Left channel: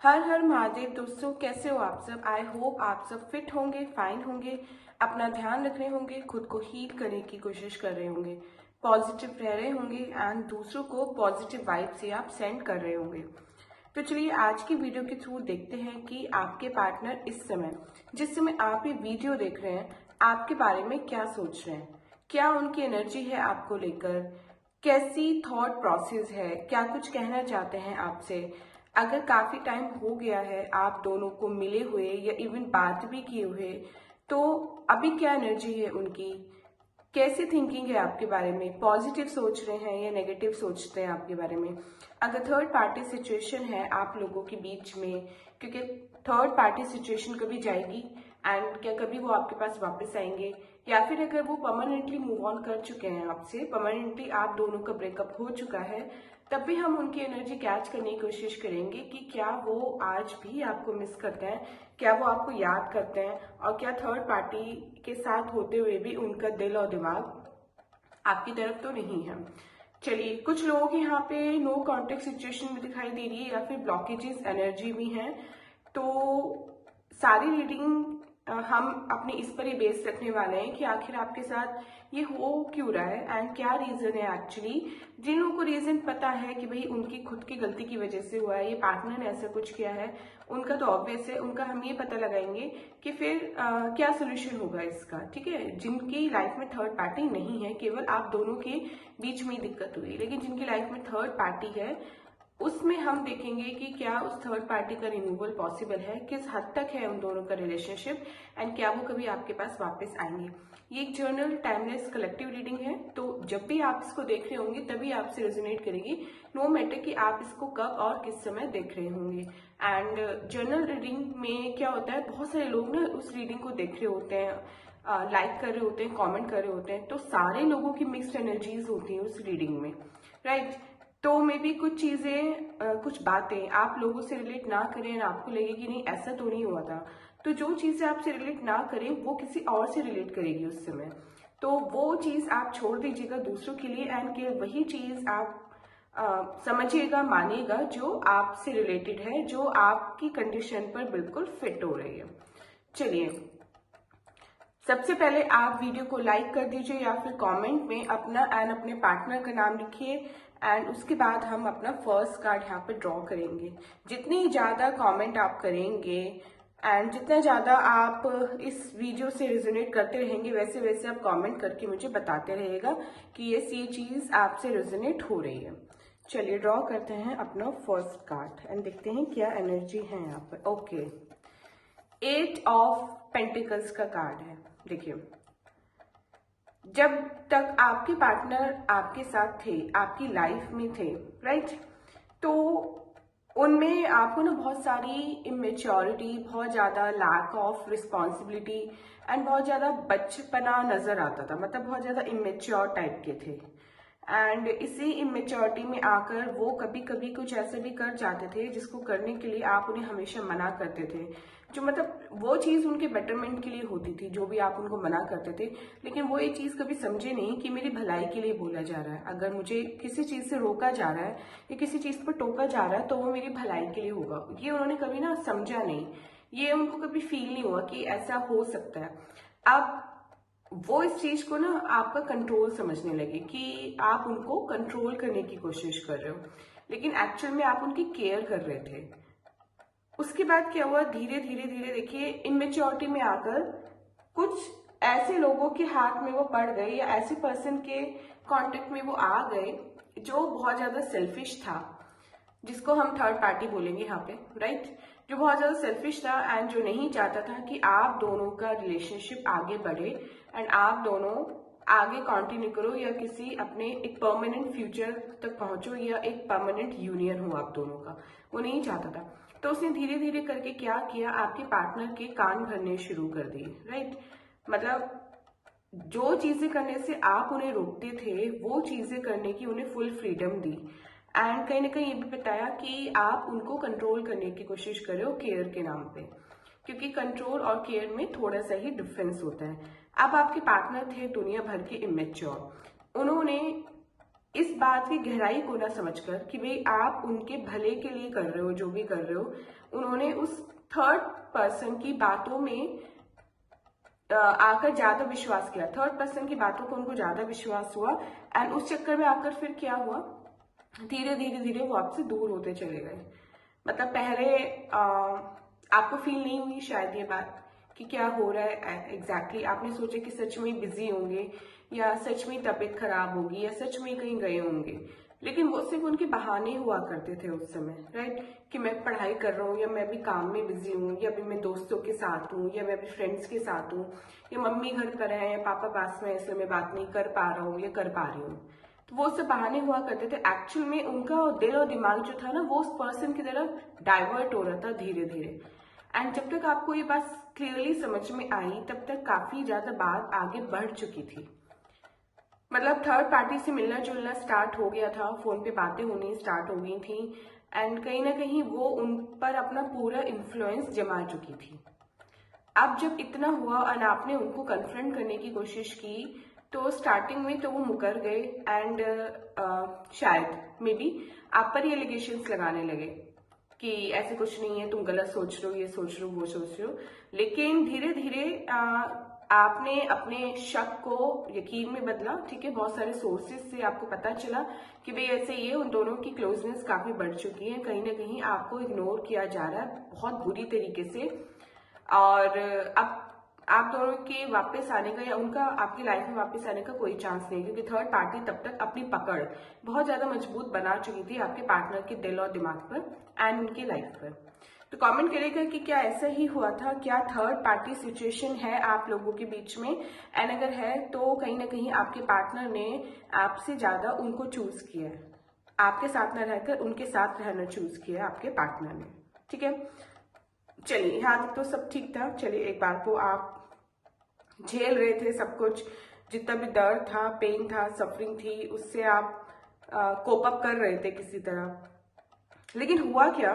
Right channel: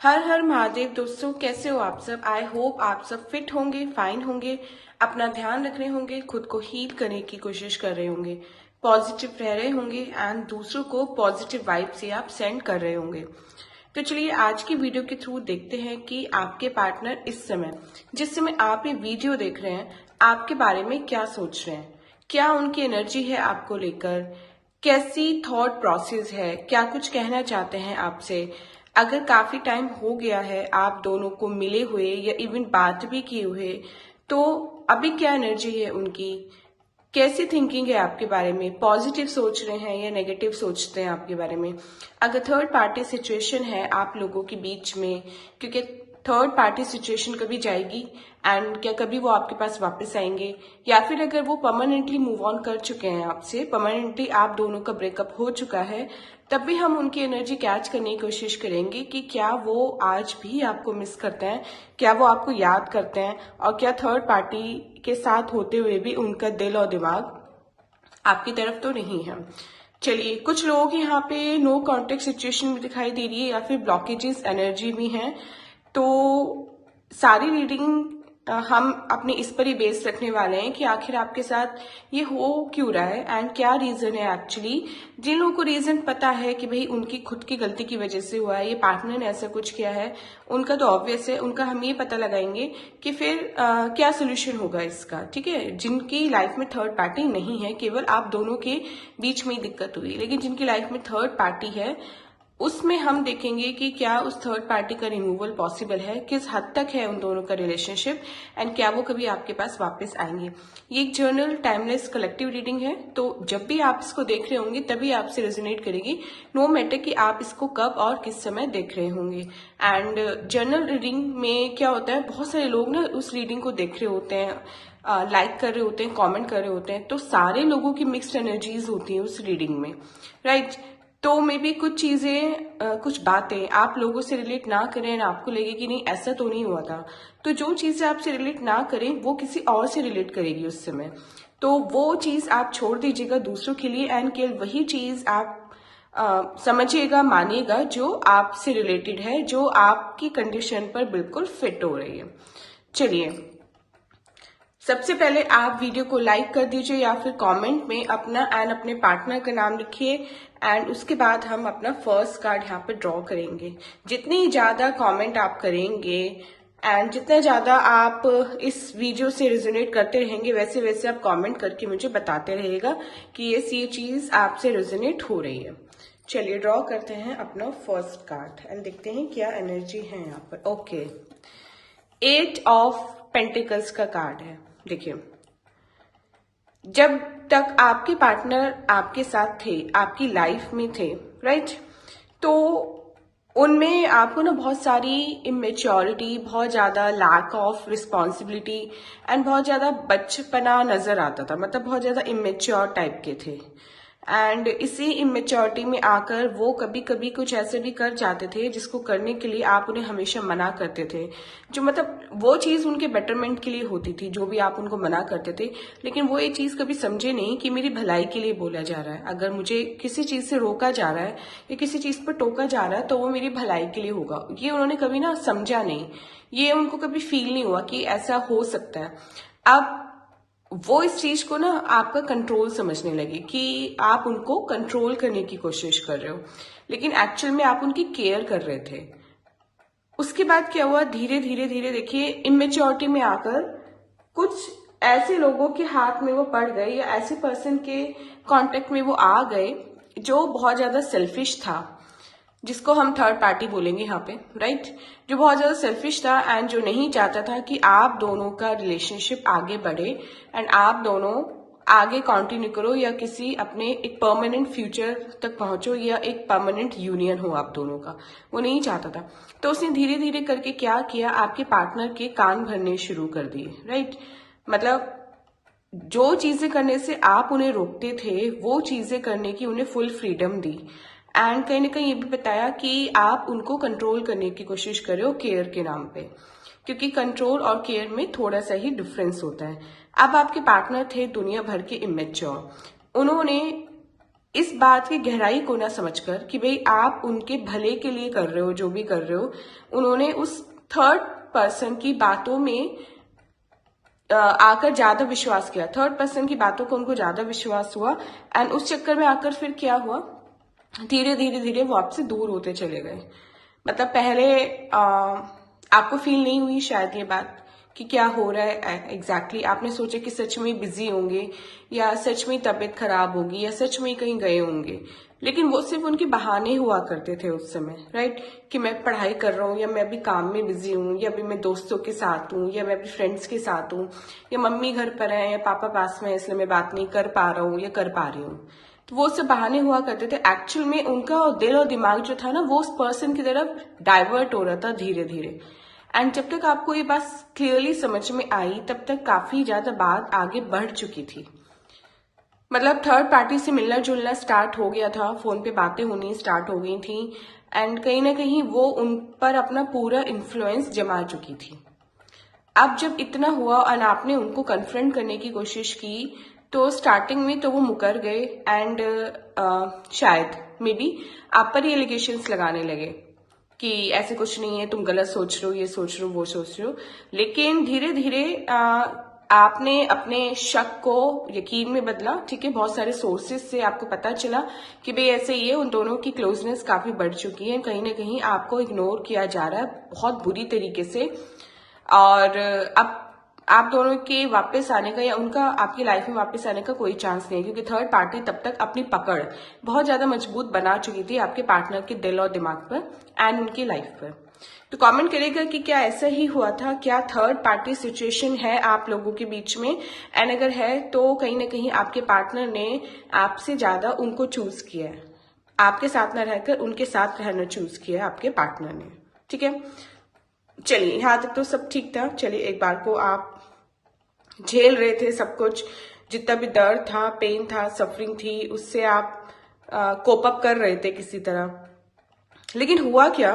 हर हर महादेव दोस्तों, कैसे हो आप सब। आई होप आप सब फिट होंगे, फाइन होंगे, अपना ध्यान रख रहे होंगे, खुद को हील करने की कोशिश कर रहे होंगे, पॉजिटिव रह रहे होंगे एंड दूसरों को पॉजिटिव वाइब से आप सेंड कर रहे होंगे। तो चलिए आज की वीडियो के थ्रू देखते हैं कि आपके पार्टनर इस समय, जिस समय आप ये वीडियो देख रहे हैं, आपके बारे में क्या सोच रहे हैं, क्या उनकी एनर्जी है आपको लेकर, कैसी थॉट प्रोसेस है, क्या कुछ कहना चाहते हैं आपसे। अगर काफी टाइम हो गया है आप दोनों को मिले हुए या इवन बात भी किए हुए, तो अभी क्या एनर्जी है उनकी, कैसी थिंकिंग है आपके बारे में, पॉजिटिव सोच रहे हैं या नेगेटिव सोचते हैं आपके बारे में। अगर थर्ड पार्टी सिचुएशन है आप लोगों के बीच में, क्योंकि थर्ड पार्टी सिचुएशन कभी जाएगी एंड क्या कभी वो आपके पास वापस आएंगे, या फिर अगर वो परमानेंटली मूव ऑन कर चुके हैं आपसे, परमानेंटली आप दोनों का ब्रेकअप हो चुका है, तब भी हम उनकी एनर्जी कैच करने की कोशिश करेंगे कि क्या वो आज भी आपको मिस करते हैं, क्या वो आपको याद करते हैं, और क्या थर्ड पार्टी के साथ होते हुए भी उनका दिल और दिमाग आपकी तरफ तो नहीं है। चलिए, कुछ लोगों के यहाँ पे नो कॉन्टेक्ट सिचुएशन भी दिखाई दे रही है या फिर ब्लॉकेजेस एनर्जी भी हैं। तो सारी रीडिंग हम अपने इस पर ही बेस रखने वाले हैं कि आखिर आपके साथ ये हो क्यों रहा है एंड क्या रीजन है एक्चुअली। जिन लोगों को रीजन पता है कि भाई उनकी खुद की गलती की वजह से हुआ है, ये पार्टनर ने ऐसा कुछ किया है, उनका तो ऑब्वियस है, उनका हम ये पता लगाएंगे कि फिर क्या सोल्यूशन होगा इसका। ठीक है, जिनकी लाइफ में थर्ड पार्टी नहीं है, केवल आप दोनों के बीच में ही दिक्कत हुई, लेकिन जिनकी लाइफ में थर्ड पार्टी है उसमें हम देखेंगे कि क्या उस थर्ड पार्टी का रिमूवल पॉसिबल है, किस हद तक है उन दोनों का रिलेशनशिप एंड क्या वो कभी आपके पास वापस आएंगे। ये एक जर्नल टाइमलेस कलेक्टिव रीडिंग है, तो जब भी आप इसको देख रहे होंगे तभी आपसे रेजोनेट करेगी, नो मैटर कि आप इसको कब और किस समय देख रहे होंगे। एंड जर्नल रीडिंग में क्या होता है, बहुत सारे लोग ना उस रीडिंग को देख रहे होते हैं, लाइक कर रहे होते हैं, कमेंट कर रहे होते हैं, तो सारे लोगों की मिक्स्ड एनर्जीज होती हैं उस रीडिंग में, राइट। तो मे बी कुछ चीजें, कुछ बातें आप लोगों से रिलेट ना करें और आपको लगे कि नहीं ऐसा तो नहीं हुआ था, तो जो चीजें आपसे रिलेट ना करें वो किसी और से रिलेट करेगी उस समय, तो वो चीज आप छोड़ दीजिएगा दूसरों के लिए एंड केवल वही चीज आप समझिएगा, मानिएगा जो आपसे रिलेटेड है, जो आपकी कंडीशन पर बिल्कुल फिट हो रही है। चलिए, सबसे पहले आप वीडियो को लाइक कर दीजिए या फिर कमेंट में अपना एंड अपने पार्टनर का नाम लिखिए एंड उसके बाद हम अपना फर्स्ट कार्ड यहाँ पे ड्रॉ करेंगे। जितनी ज्यादा कमेंट आप करेंगे एंड जितना ज्यादा आप इस वीडियो से रिजोनेट करते रहेंगे, वैसे वैसे आप कमेंट करके मुझे बताते रहेगा कि ये चीज आपसे रिजोनेट हो रही है। चलिए ड्रॉ करते हैं अपना फर्स्ट कार्ड एंड देखते हैं क्या एनर्जी है यहाँ पर। ओके, 8 ऑफ पेंटिकल्स का कार्ड है। देखिए, जब तक आपके पार्टनर आपके साथ थे, आपकी लाइफ में थे, राइट, तो उनमें आपको ना बहुत सारी इमेच्योरिटी, बहुत ज्यादा लैक ऑफ रिस्पॉन्सिबिलिटी एंड बहुत ज्यादा बचपना नजर आता था, मतलब बहुत ज्यादा इमेच्योर टाइप के थे। एंड इसी इमेच्योरिटी में आकर वो कभी कभी कुछ ऐसे भी कर जाते थे जिसको करने के लिए आप उन्हें हमेशा मना करते थे, जो मतलब वो चीज उनके बेटरमेंट के लिए होती थी, जो भी आप उनको मना करते थे, लेकिन वो ये चीज कभी समझे नहीं कि मेरी भलाई के लिए बोला जा रहा है। अगर मुझे किसी चीज से रोका जा रहा है या किसी चीज पर टोका जा रहा है तो वो मेरी भलाई के लिए होगा, ये उन्होंने कभी ना समझा नहीं, ये उनको कभी फील नहीं हुआ कि ऐसा हो सकता है। अब वो इस चीज को ना आपका कंट्रोल समझने लगे कि आप उनको कंट्रोल करने की कोशिश कर रहे हो, लेकिन एक्चुअल में आप उनकी केयर कर रहे थे। उसके बाद क्या हुआ, धीरे धीरे धीरे देखिए, इमेच्योरिटी में आकर कुछ ऐसे लोगों के हाथ में वो पड़ गए या ऐसे पर्सन के कांटेक्ट में वो आ गए जो बहुत ज्यादा सेल्फिश था, जिसको हम थर्ड पार्टी बोलेंगे यहाँ पे, राइट, जो बहुत ज्यादा सेल्फिश था एंड जो नहीं चाहता था कि आप दोनों का रिलेशनशिप आगे बढ़े एंड आप दोनों आगे कंटिन्यू करो या किसी अपने एक परमानेंट फ्यूचर तक पहुंचो या एक परमानेंट यूनियन हो आप दोनों का, वो नहीं चाहता था। तो उसने धीरे धीरे करके क्या किया, आपके पार्टनर के कान भरने शुरू कर दिए, राइट, मतलब जो चीजें करने से आप उन्हें रोकते थे वो चीजें करने की उन्हें फुल फ्रीडम दी एंड कहीं ना कहीं ये भी बताया कि आप उनको कंट्रोल करने की कोशिश कर रहे हो केयर के नाम पे, क्योंकि कंट्रोल और केयर में थोड़ा सा ही डिफरेंस होता है। अब आपके पार्टनर थे दुनिया भर के इमेच्योर, उन्होंने इस बात की गहराई को ना समझकर कि भाई आप उनके भले के लिए कर रहे हो, जो भी कर रहे हो, उन्होंने उस थर्ड पर्सन की बातों में आकर ज्यादा विश्वास किया, थर्ड पर्सन की बातों को उनको ज्यादा विश्वास हुआ, एंड उस चक्कर में आकर फिर क्या हुआ, धीरे धीरे धीरे वो आपसे दूर होते चले गए। मतलब पहले आपको फील नहीं हुई शायद ये बात कि क्या हो रहा है एग्जैक्टली, आपने सोचा कि सच में बिजी होंगे या सच में तबीयत खराब होगी या सच में कहीं गए होंगे, लेकिन वो सिर्फ उनके बहाने हुआ करते थे उस समय, राइट, कि मैं पढ़ाई कर रहा हूँ या मैं अभी काम में बिजी हूँ या अभी मैं दोस्तों के साथ हूँ या मैं अभी फ्रेंड्स के साथ हूँ या मम्मी घर पर है या पापा पास में है इसलिए मैं बात नहीं कर पा रहा हूँ या कर पा रही हूँ। तो वो सब बहाने हुआ करते थे, एक्चुअल में उनका दिल और दिमाग जो था ना वो उस पर्सन की तरफ डाइवर्ट हो रहा था धीरे धीरे। एंड जब तक आपको ये बात क्लियरली समझ में आई तब तक काफी ज्यादा बात आगे बढ़ चुकी थी। मतलब थर्ड पार्टी से मिलना जुलना स्टार्ट हो गया था, फोन पे बातें होनी स्टार्ट हो गई थी, एंड कहीं ना कहीं वो उन पर अपना पूरा इन्फ्लुएंस जमा चुकी थी। अब जब इतना हुआ और आपने उनको कन्फ्रंट करने की कोशिश की तो स्टार्टिंग में तो वो मुकर गए एंड शायद मे बी आप पर ही एलिगेशंस लगाने लगे कि ऐसे कुछ नहीं है, तुम गलत सोच रहे हो, ये सोच रहे हो, वो सोच रहे हो। लेकिन धीरे धीरे आपने अपने शक को यकीन में बदला, ठीक है, बहुत सारे सोर्सेज से आपको पता चला कि भाई ऐसे ये उन दोनों की क्लोजनेस काफी बढ़ चुकी है, कहीं ना कहीं आपको इग्नोर किया जा रहा है बहुत बुरी तरीके से, और अब आप दोनों के वापस आने का या उनका आपकी लाइफ में वापस आने का कोई चांस नहीं है, क्योंकि थर्ड पार्टी तब तक अपनी पकड़ बहुत ज्यादा मजबूत बना चुकी थी आपके पार्टनर के दिल और दिमाग पर एंड उनकी लाइफ पर। तो कमेंट करेगा कि क्या ऐसा ही हुआ था, क्या थर्ड पार्टी सिचुएशन है आप लोगों के बीच में, एंड अगर है तो कहीं ना कहीं आपके पार्टनर ने आपसे ज्यादा उनको चूज किया है, आपके साथ न रहकर उनके साथ रहना चूज किया है आपके पार्टनर ने, ठीक है। चलिए यहाँ तक तो सब ठीक था। चलिए एक बार को आप झेल रहे थे सब कुछ, जितना भी दर्द था, पेन था, सफरिंग थी, उससे आप कोप अप कर रहे थे किसी तरह। लेकिन हुआ क्या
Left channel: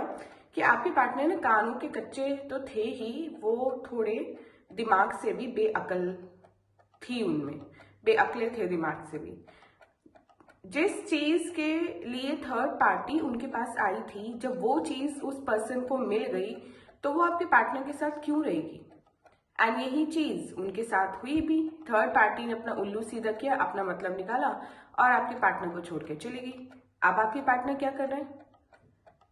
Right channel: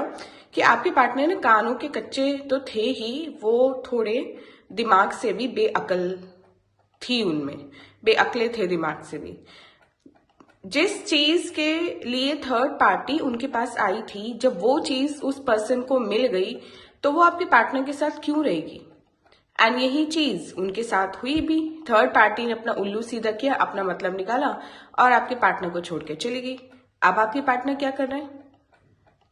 कि आपके पार्टनर ने कानों के कच्चे तो थे ही, वो थोड़े दिमाग से भी बेअकल थी, उनमें बेअकले थे दिमाग से भी। जिस चीज के लिए थर्ड पार्टी उनके पास आई थी, जब वो चीज उस पर्सन को मिल गई तो वो आपके पार्टनर के साथ क्यों रहेगी, एंड यही चीज उनके साथ हुई भी। थर्ड पार्टी ने अपना उल्लू सीधा किया, अपना मतलब निकाला और आपके पार्टनर को छोड़ के चली गई। अब आपके पार्टनर क्या कर रहे हैं,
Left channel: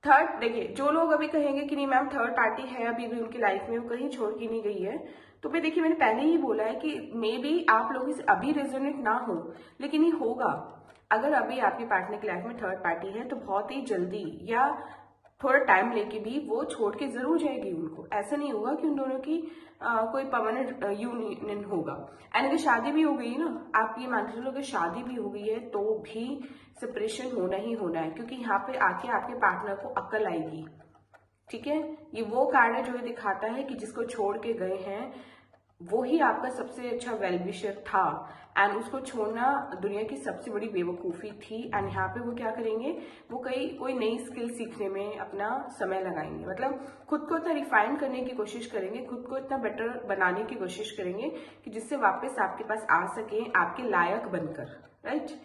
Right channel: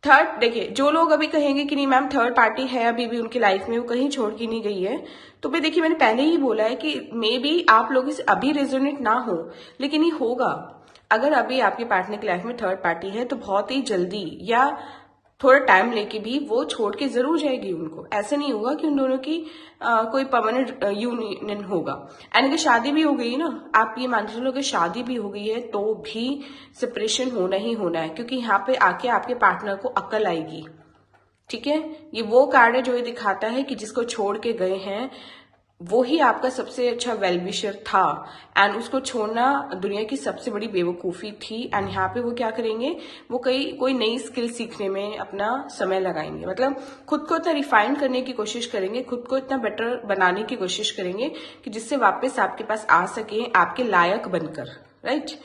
थर्ड, देखिए जो लोग अभी कहेंगे कि नहीं मैम थर्ड पार्टी है अभी भी उनकी लाइफ में, वो कहीं छोड़ की नहीं गई है, तो भाई देखिए मैंने पहले ही बोला है कि मे बी आप लोग इसे अभी रेजोनेट ना हो, लेकिन ये होगा। अगर अभी आपके पार्टनर की लाइफ में थर्ड पार्टी है तो बहुत ही जल्दी या थोड़ा टाइम लेके भी वो छोड़ के जरूर जाएगी उनको। ऐसा नहीं होगा कि उन दोनों की कोई परमानेंट यूनियन होगा। एंड अगर शादी भी हो गई ना, आप ये मान चलो अगर शादी भी हो गई है तो भी सेपरेशन होना ही होना है, क्योंकि यहाँ पे आके आपके पार्टनर को अक्ल आएगी, ठीक है। ये वो कार्ड है जो ये दिखाता है कि जिसको छोड़ के गए हैं वो ही आपका सबसे अच्छा वेलविशर था, एंड उसको छोड़ना दुनिया की सबसे बड़ी बेवकूफ़ी थी। एंड यहाँ पे वो क्या करेंगे, वो कोई नई स्किल सीखने में अपना समय लगाएंगे, मतलब खुद को इतना रिफाइन करने की कोशिश करेंगे, खुद को इतना बेटर बनाने की कोशिश करेंगे कि जिससे वापस आपके पास आ सके आपके लायक बनकर, राइट।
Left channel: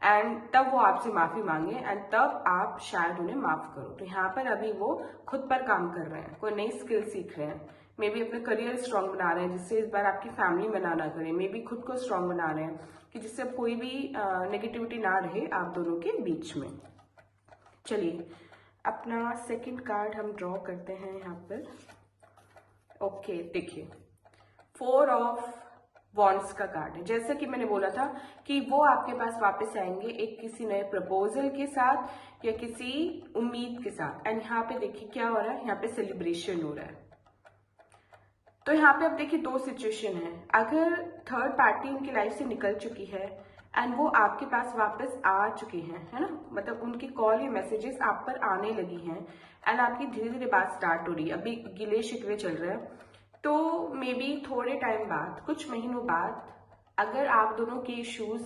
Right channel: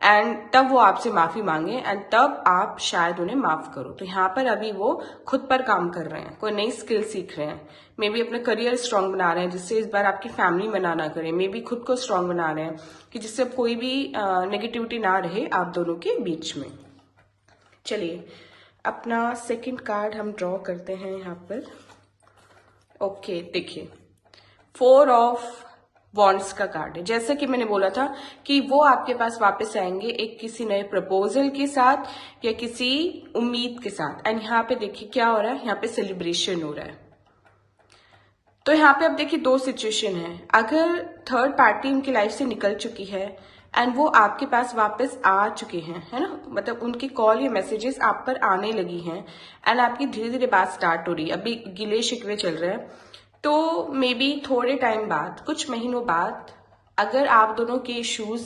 एंड तब वो आपसे माफी मांगे एंड तब आप शायद उन्हें माफ करो। तो यहाँ पर अभी वो खुद पर काम कर रहे हैं, कोई नई स्किल सीख रहे हैं, मे बी अपना करियर स्ट्रांग बना रहे हैं जिससे इस बार आपकी फैमिली मना ना करे, मे बी खुद को स्ट्रांग बना रहे हैं कि जिससे अब कोई भी नेगेटिविटी ना रहे आप दोनों के बीच में। चलिए अपना सेकंड कार्ड हम ड्रॉ करते हैं यहाँ पर। ओके देखिए, 4 ऑफ वॉन्ड्स का कार्ड है। जैसा कि मैंने बोला था कि वो आपके पास वापस आएंगे एक किसी नए प्रपोजल के साथ या किसी उम्मीद के साथ। एंड यहाँ पे देखिए क्या हो रहा है, यहाँ पे सेलिब्रेशन हो रहा है। तो यहाँ पे अब देखिए दो सिचुएशन है, अगर थर्ड पार्टी उनकी लाइफ से निकल चुकी है एंड वो आपके पास वापस आ चुके हैं, है ना, मतलब उनकी कॉल या मैसेजेस आप पर आने लगी हैं एंड आपकी धीरे धीरे बात स्टार्ट हो रही है, अभी गिले शिकवे चल रहे हैं, तो मे बी थोड़े टाइम बाद, कुछ महीनों बाद, अगर आप दोनों के इश्यूज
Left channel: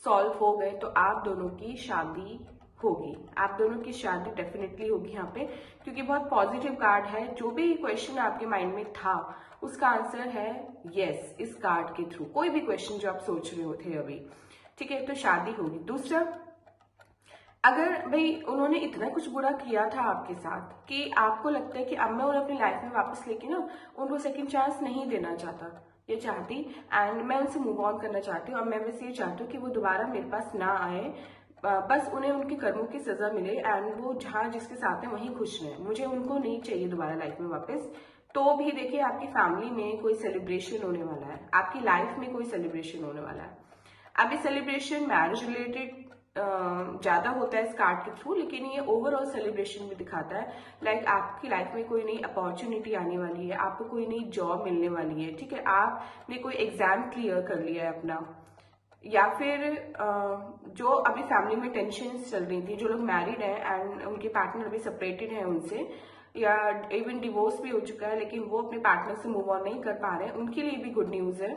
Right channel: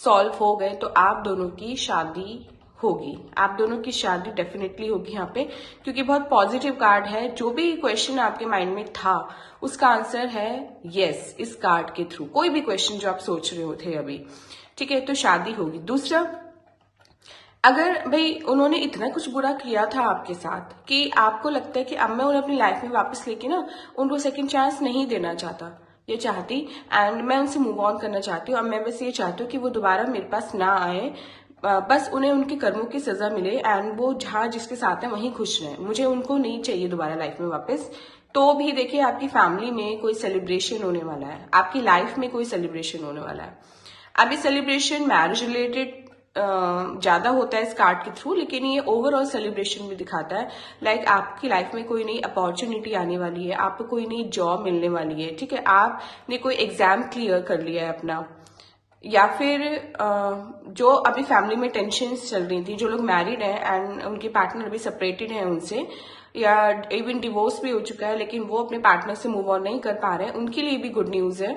सॉल्व हो गए तो आप दोनों की शादी होगी, आप दोनों की शादी डेफिनेटली होगी यहाँ पे, क्योंकि बहुत पॉजिटिव कार्ड है। जो भी क्वेश्चन आपके माइंड में था उसका आंसर है यस इस कार्ड के थ्रू, कोई भी क्वेश्चन जो आप सोच रहे हो थे अभी, ठीक है, तो शादी होगी। दूसरा, अगर भाई उन्होंने इतना कुछ बुरा किया था आपके साथ कि आपको लगता है कि अब मैं उन्हें अपनी लाइफ में वापस लेके ना उनको सेकंड चांस नहीं देना चाहता, ये चाहती, एंड मैं उनसे मूव ऑन करना चाहती हूँ। अब मैं बस ये चाहती हूँ कि वो दोबारा मेरे पास ना आए, बस उन्हें उनके कर्मों की सजा मिले एंड वो जहाँ जिसके साथ है वहीं खुश रहे, मुझे उनको नहीं चाहिए दोबारा लाइफ में वापस। तो भी देखिए आपकी फैमिली में कोई सेलिब्रेशन होने वाला है, आपकी लाइफ में कोई सेलिब्रेशन होने वाला है। अब ये सेलिब्रेशन मैरिज रिलेटेड ज्यादा होता है इस कार्ड के थ्रू, लेकिन ये ओवरऑल सेलिब्रेशन भी दिखाता है। लाइक आपकी लाइफ में कोई नई अपॉर्चुनिटी आने वाली है, आपको कोई नई जॉब मिलने वाली है, ठीक है, आपने कोई एग्जाम क्लियर कर लिया है अपना, या फिर जो अभी फैमिली में टेंशन्स चल रही थी, जो लोग मैरिड हैं एंड उनके पार्टनर अभी सेपरेटेड हैं उनसे, या इवन डिवोर्स भी हो चुका है लेकिन वो अपने पार्टनर से मूव ऑन नहीं कर पा रहे हैं, उनके लिए भी गुड न्यूज है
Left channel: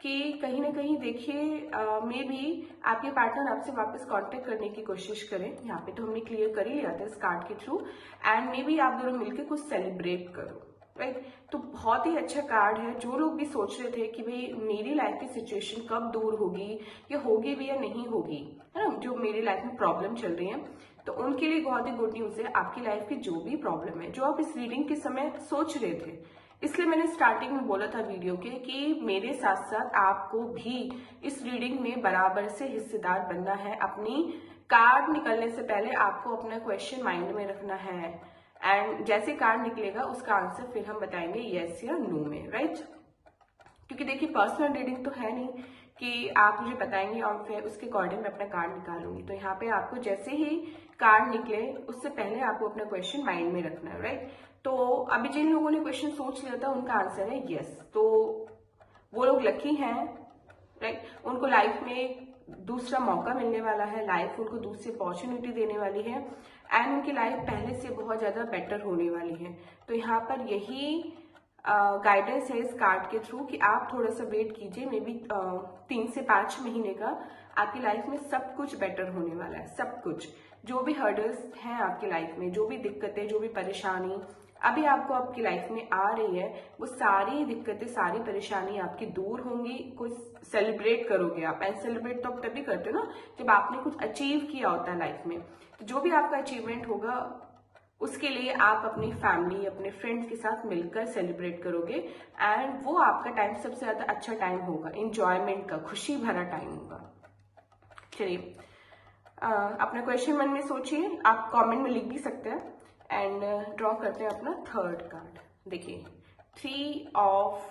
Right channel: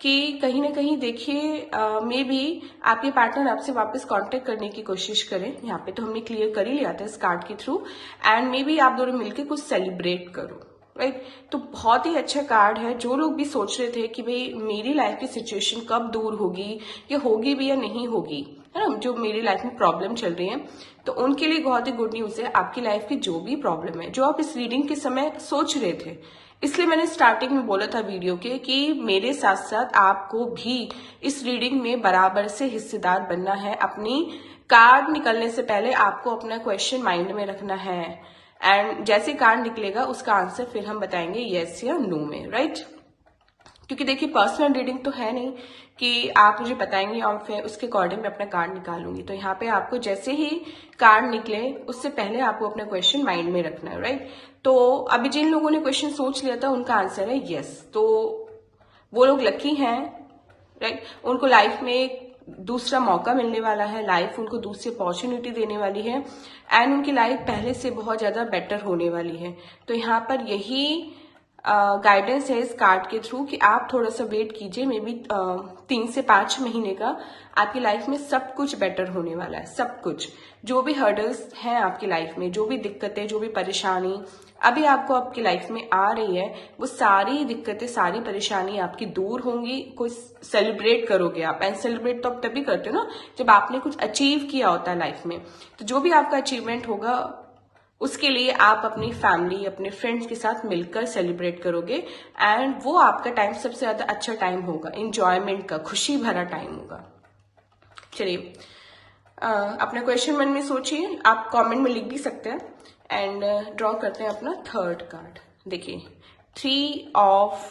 कि कहीं ना कहीं देखिए मे बी आपके पार्टनर आपसे वापस कांटेक्ट करने की कोशिश करें। यहाँ पे तो हमने क्लियर कर ही लिया था इस कार्ड के थ्रू, एंड मे बी आप दोनों मिलकर कुछ सेलिब्रेट करो, राइट। तो बहुत ही अच्छा कार्ड है। जो लोग भी सोच रहे थे कि भाई मेरी लाइफ की सिचुएशन कब दूर होगी, या होगी भी या नहीं होगी, है ना, जो मेरी लाइफ में प्रॉब्लम चल रही है, तो उनके लिए बहुत ही गुड न्यूज है। आपकी लाइफ की जो भी प्रॉब्लम है, जो आप इस रीडिंग के समय सोच रहे थे, इसलिए मैंने स्टार्टिंग में बोला था वीडियो के कि मेरे साथ साथ आपको भी इस रीडिंग में बराबर से हिस्सेदार बनना है। अपनी कार्ड निकलने से पहले आपको अपना क्वेश्चन माइंड में रखना है, एंड जैसे कार्ड निकलेगा उसका आंसर फिर हम बताएंगे यस या नो में, राइट। क्योंकि देखिए पर्सनल रीडिंग तो है नहीं कि आप मुझे बताएंगे और फिर उसके अकॉर्डिंग मैं अपना कार्ड निकालूंगी। तो यहाँ पे आपको जैसे ही कार्ड निकले उससे पहले आपको अपना क्वेश्चन माइंड में रखना है, राइट। तो अभी जिन लोगों ने क्वेश्चन सोच लिया था उनका आंसर है यस, तो वो लोग लकी हैं, राइट। उनको लाइफ में एक दूसरा मौका मिलने वाला है, लाइफ उनको दूसरी अपॉर्चुनिटी देने वाली है, एंड उनकी लाइफ पहले से बहुत ज्यादा बेटर होने वाली है। तो यहाँ पर यही गाइडेंस है इस कार्ड के थ्रू कि आप थोड़ा सा वेट कीजिए, मे बी 3 से 5 महीने का आपकी लाइफ में सब कुछ बेटर होने वाला है। सब कुछ, जो भी हर्डल्स हैं आपकी लाइफ में, जो भी दिक्कतें, जो भी परेशानी अभी आपको आपकी लाइफ में आ रही है, वो सारी दिक्कतें, सारी परेशानी आपकी दूर होंगी। कोई सेलिब्रेट करोगे आप, एंड सेलिब्रेट तो आप तभी करते हो ना जब आपने कुछ अचीव किया होता है लाइफ में। तो जो भी आपका अचीवमेंट होगा उसके लिए आप अपनी फैमिली, अपने फ्रेंड्स के साथ मिलकर सेलिब्रेट करोगे, एंड वो आपका टाइम सबसे ज्यादा अच्छा टाइम होगा, इंजॉयमेंट का, खुशी भरा टाइम होगा। चलिए अपना क्वेश्चन मन में सोचिए, आप कमेंट में लिख भी सकते हैं, एंड ड्रॉ करते हैं अपना थर्ड कार्ड। देखिए 3 ऑफ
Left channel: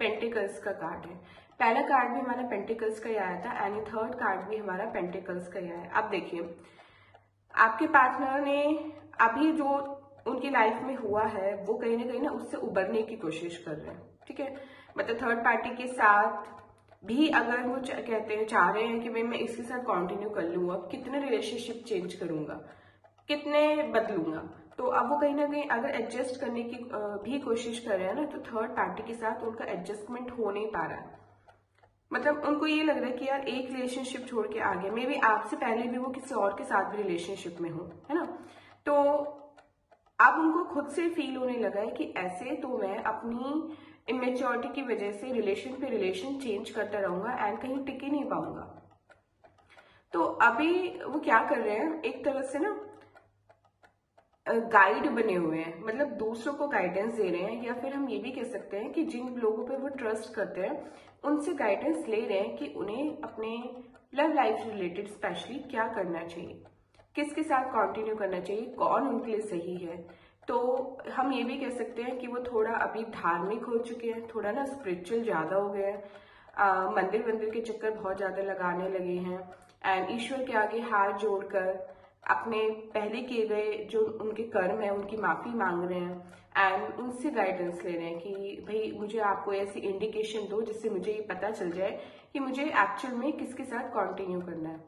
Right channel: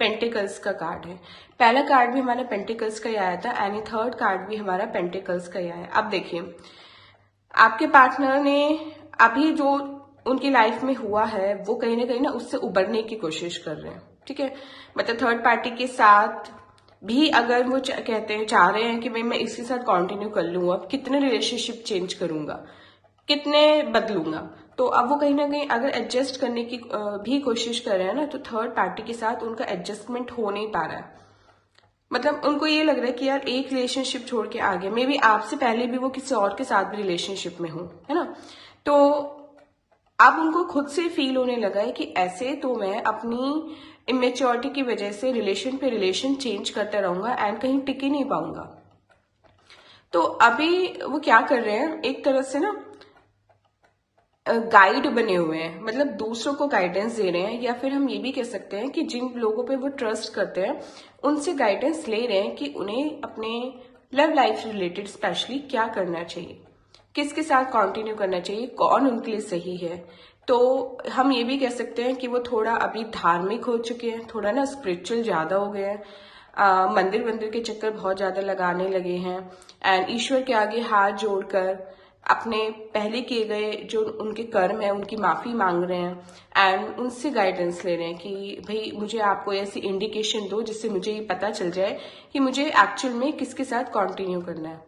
पेंटिकल्स का कार्ड है। पहला कार्ड भी हमारा पेंटिकल्स का ही आया था, एंड थर्ड कार्ड भी हमारा पेंटिकल्स का ही आया। अब देखिए आपके पार्टनर ने अभी जो उनकी लाइफ में हुआ है वो कहीं ना उससे उबरने की कोशिश कर रहे हैं, ठीक है। मतलब थर्ड पार्टी के साथ भी अगर वो कहते हैं, चाह रहे हैं कि भाई मैं इसके साथ कंटिन्यू कर लूंगा, कितने रिलेशनशिप चेंज करूंगा, कितने बदलूंगा, तो अब वो कहीं ना कहीं अगर एडजस्ट करने की भी कोशिश कर रहे हैं ना, तो थर्ड पार्टी के साथ उनका एडजस्टमेंट हो नहीं पा रहा है। मतलब उनको ये लग रहा है कि यार एक रिलेशनशिप छोड़ के आ गया, मे बी आपसे पहले भी वो किसी और के साथ भी रिलेशनशिप में हो, है ना। तो अब उनको खुद से फील होने लगा है कि ऐसे तो मैं अपनी इमेच्योरिटी की वजह से रिलेशन पे रिलेशन चेंज करता रहूंगा एंड कहीं टिक ही नहीं पाऊंगा। तो अभी वो क्या कर रहे हैं, एक तरह से ना गाइड बने हुए हैं, मतलब दूसरों को गाइडेंस दे रहे हैं, या फिर हम ये भी कह सकते हैं कि जिन लोगों पे वो ट्रस्ट करते हैं उनसे गाइडेंस ले रहे हैं कि उन्हें अपने लव लाइफ रिलेटेड स्पेशली क्या करना चाहिए, किसके साथ कंटिन्यू करना चाहिए, कौन उनके लिए सही है। तो हम ये भी कह सकते हैं कि वो थोड़ा अभी धार्मिक हो चुके हैं, थोड़ा ना स्पिरिचुअल ज्यादा हो गए हैं, मंदिर वंदिर के चक्कर बहुत ज्यादा लगाने लगे हैं, एंड ईश्वर के आगे हाथ जोड़कर अपने पहले किए गए जो उनके कर्म है उनकी माफी मांग रहे हैं, एंड उनसे गाइडेंस ले रहे हैं कि भाई मुझे आपको ऐसी इंडिकेशन दो जिससे मुझे ये पता चल जाए कि मुझे एक्चुअल में किसके साथ कंटिन्यू करना है।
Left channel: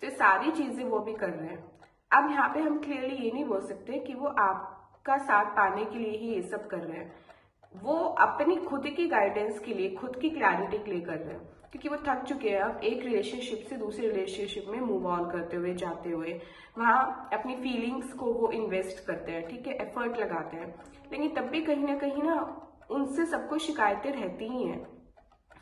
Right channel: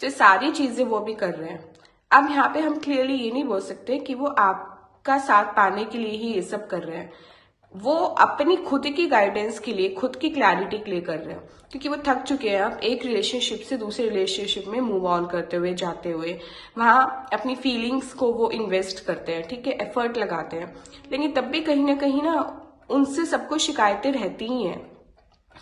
तो सारी चीजें वो भी कर रहे हैं। अब यहाँ पे हम क्लियरली ये नहीं बोल सकते कि वो आपका साथ पाने के लिए ही ये सब कर रहे हैं, वो अपनी खुद की गाइडेंस के लिए, खुद की क्लैरिटी के लिए कर रहे हैं, क्योंकि वो थक चुके हैं अब एक रिलेशनशिप से दूसरे रिलेशनशिप में मूव ऑन करते हुए, जाते हुए, वहां अपनी फीलिंग्स को वो इन्वेस्ट करते हैं, ठीक है, एफर्ट लगाते हैं, लेकिन तब भी कहीं ना उनसे सबको शिकायतें रहती ही हैं।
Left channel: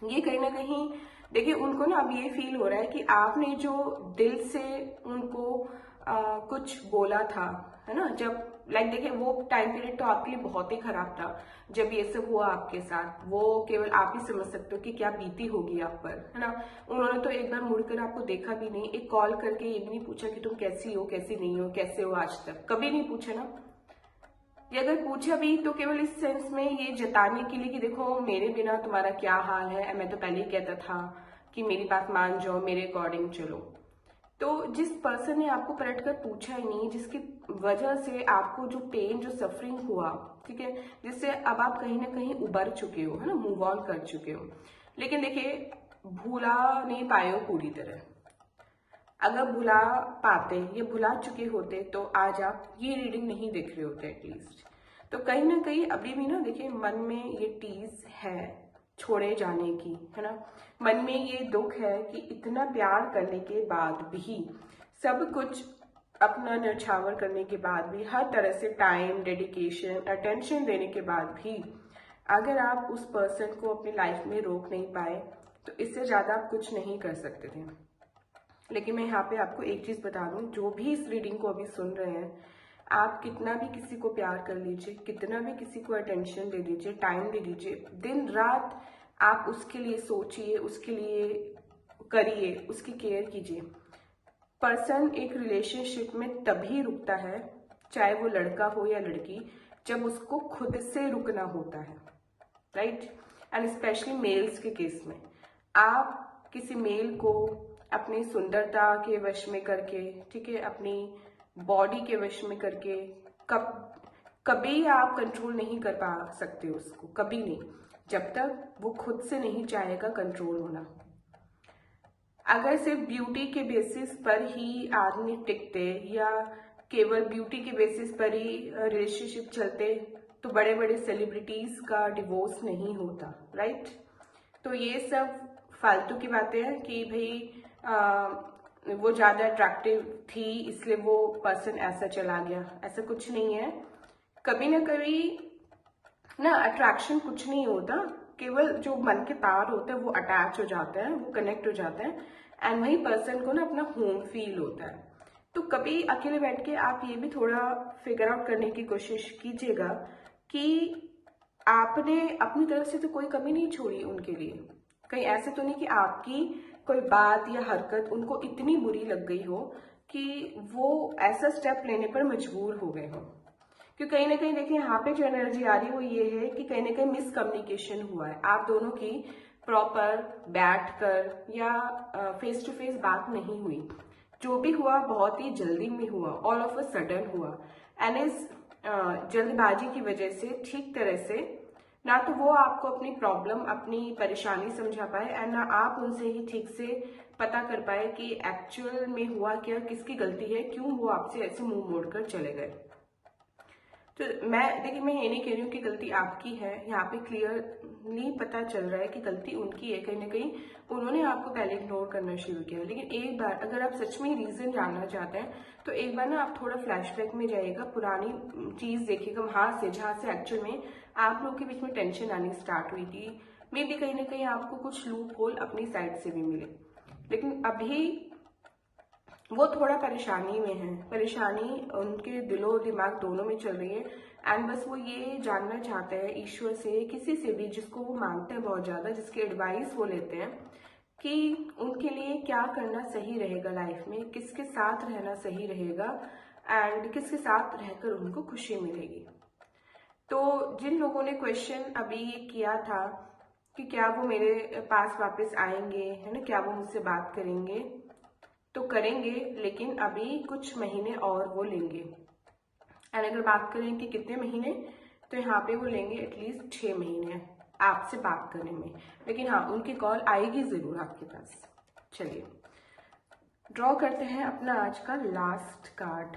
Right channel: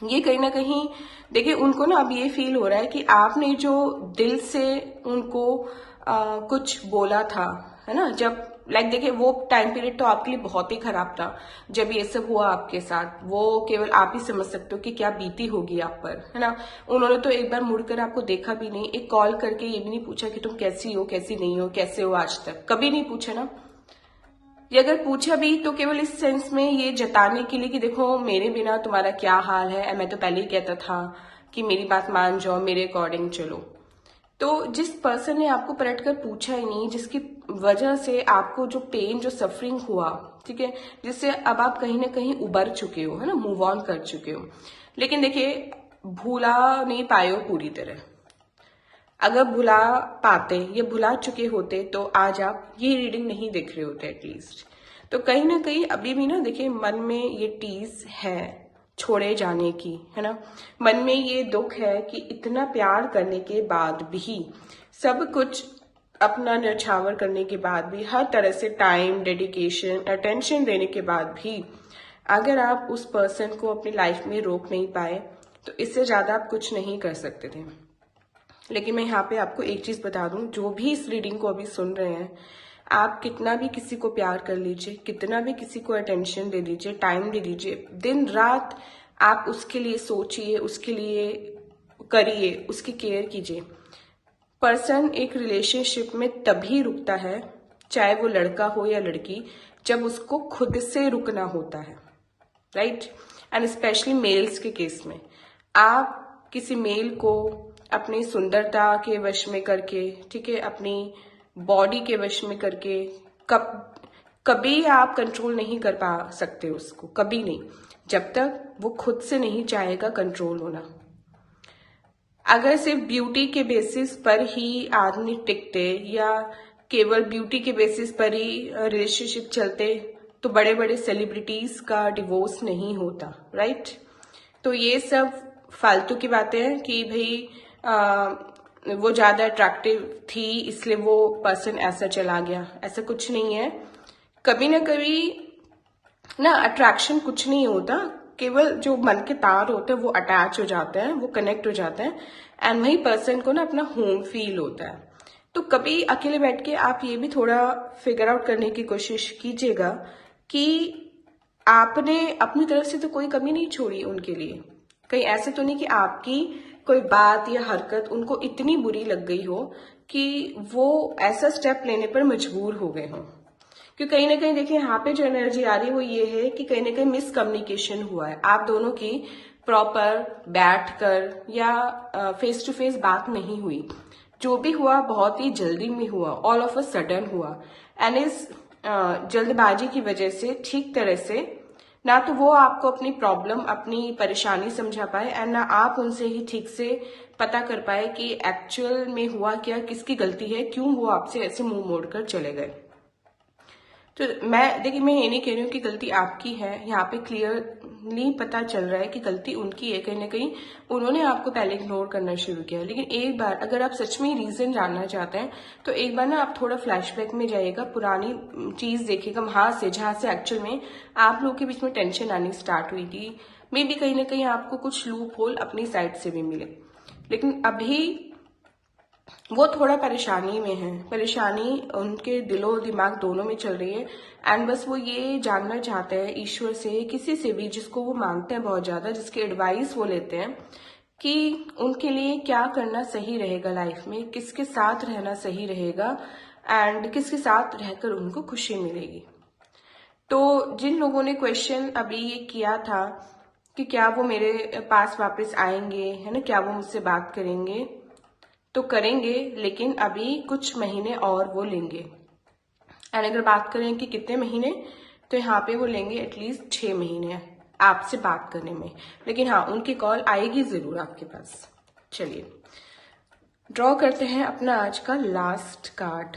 ये कहीं ना कहीं देखिए उनको ना अब ये फील हो रहा है कि आपने जो दिल से उनको कुछ बोला था, है ना, जब लाइक देखिए वो टाइम पीरियड तो आपके लिए बहुत ही खराब था जब ये सब हुआ आपके साथ। वो केवल आप ही समझ सकते हो कि क्या बीती होगी आप पर, है ना। उन्होंने तो एक बार मुड़कर आपको देखा भी नहीं, एक कॉल करके ये भी नहीं पूछा कि तुम कैसी हो, कैसी नहीं हो, कैसे हो, आज तक कभी नहीं पूछा ना। ये अगर पूछा भी तो केवल इस सेंस में ये जताने के लिए कि देखो मेरे बिना तुम्हारा क्या हाल है, मैं तो पहले ही कहता था कि मेरी बात मान जाओ, मेरे अकॉर्डिंग चलो। तो जिस पर्सन ने आपको पलट कर पूछा ही नहीं, जिसकी वजह से आपको जो पेन, जो सफरिंग हुआ, ठीक है, जिससे अब आप कहीं ना कहीं उबर चुके हो, है ना, मूव ऑन कर चुके हो, लेकिन देखिए भूला नहीं पाए हो पूरी तरह। अगर भुला पाते या भुला चुके होते तो आज आप ये रीडिंग नहीं देख रहे होते एटलीस्ट। तो कहीं ना कहीं अभी भी ना देखिए मन में ये टीज है छोड़े जाने की, है ना। मन में ये दुख है कि इतना प्यार करने के बाद भी, सब कुछ अपना न्यौछावर करने के बाद भी, हर तरह से टाइम, डेडिकेशन, अटेंशन देने के बाद भी अगर आप उस पर्सन को अपनी लाइफ में रोक नहीं पाए तो इससे ज्यादा आप कुछ नहीं कर सकते थे। लेकिन मैं यहाँ पे आपको एक चीज बता दूं, जो भी इस रीडिंग को अभी सुन रहे हैं, आप कितना भी किसी को प्यार कर लीजिए, कितना भी किसी को अटेंशन दे दीजिए, टाइम दे दीजिए, दिन रात आप उसके लिए सोचिए, उसके लिए करिए, उसकी केयर कीजिए। पर्सन एक रिलेशनशिप में तभी रुकता है, चाहे वो लड़का हो या लड़की, जब उसको खुद से रुकना होता है, राइट। एंड स्पेशली मेल्स के केस में आप किसी मेल को अपनी सुंदरता के वश में करके, ठीक है, अपनी बॉडी के वश में करके कभी आप कंट्रोल नहीं कर पा सकते उसको, कभी नहीं, जब तक वो खुद से नहीं चाहेगा कंट्रोल होना। अगर सिर्फ ब्यूटी के बेसिस पर ही आदमी टिकते या केवल ब्यूटी के बेसिस पर ही रिलेशनशिप चलते तो बड़े बड़े सेलिब्रिटीज का डिवोर्स नहीं होता, राइट। तो ये सब फालतू की बातें हैं कि भाई वो ज्यादा अट्रैक्टिव थी इसलिए वो पर्सन ऐसा चला गया, ऐसा कुछ नहीं है। कभी ना कभी ना अट्रैक्शन कुछ नहीं होता, केवल जो मन के तार होते हैं वो अटैच हो जाते हैं, वो कनेक्ट हो जाते हैं, एंड वही पर्सन को ना अपना होम फील होता है। तो कभी अकेले बैठ के आप ये भी थोड़ा फिगर आउट करने की कोशिश कीजिएगा कि आपने अपनी तरफ से तो कोई कमी नहीं छोड़ी उनके लिए। कहीं ऐसे तो नहीं कि आपकी कोई बात या हरकत उनको इतनी बुरी लग गई हो कि वो ऐसा स्टेप लेने पर मजबूर हो गए हों। क्योंकि कहीं ना कहीं देखिए यहाँ पे जो एनर्जी आ रही है वो ये है कि कहीं ना कहीं मिसकम्युनिकेशन हुआ है, आप दोनों की प्रॉपर बैठकर या फेस टू फेस बात नहीं हुई। जो भी हुआ बहुत ही जल्दी में हुआ, ऑल ऑफ अ सडन हुआ, एंड इस जल्दबाजी की वजह से ठीक तरह से ना तो वो आपको अपनी प्रॉब्लम, अपनी परेशानी समझा पाए, एंड ना आप उनसे ही ठीक से पता कर पाए कि एक्चुअल में हुआ क्या, किसकी गलती है, क्यों वो आपसे ऐसे मुंह मोड़कर चले गए। तो मैं देखिए, मैं ये नहीं कह रही हूँ कि गलती आपकी है, यहाँ पे क्लियरली पता चल रहा है कि गलती उनकी है। कहीं ना कहीं उन्होंने आपको पहले इग्नोर करना शुरू किया। लेकिन एक बार अगर आप सच में रीजन जानना चाहते हैं तो एक बार ना आप थोड़ा फ्लैशबैक में जाइएगा, पुरानी चीज देखिएगा, वहां से जहां से एक्चुअल में आप लोग के बीच में टेंशन आनी स्टार्ट हुई थी। मे बी कहीं ना कहीं आपको कुछ लूप होल अपनी साइड से भी मिले, लेकिन अभी वो थोड़ा परेशानी में है, परेशानी उनके दिलो दिमाग दोनों में चल रही है। एंड बस वो ये जानना चाहते हैं ईश्वर से, किसी से भी जिसको वो मानते हैं बहुत ज्यादा, जिसके एडवाइस वो लेते हैं कि उनके लिए क्या करना सही रहेगा लाइफ में, किसके साथ रहना सही रहेगा, एंड किसके साथ रहकर उनको खुशी मिलेगी। तो जिन लोगों ने क्वेश्चन अभी ये किया था कि क्या वो मेरे पास वापस आएंगे, है ना, क्या वो मुझसे बात करेंगे, तो करेंगे, लेकिन अभी कुछ महीने और वो लेंगे। एंड अगर बात करें कि कितने महीने, तो यहाँ पे वो लेंगे एटलीस्ट 6 महीने आपसे बात करने में। लेकिन हाँ, उनकी कॉल आएगी जरूर आपके पास। चलिए ड्रॉ करते हैं अपना आज का लास्ट कार्ड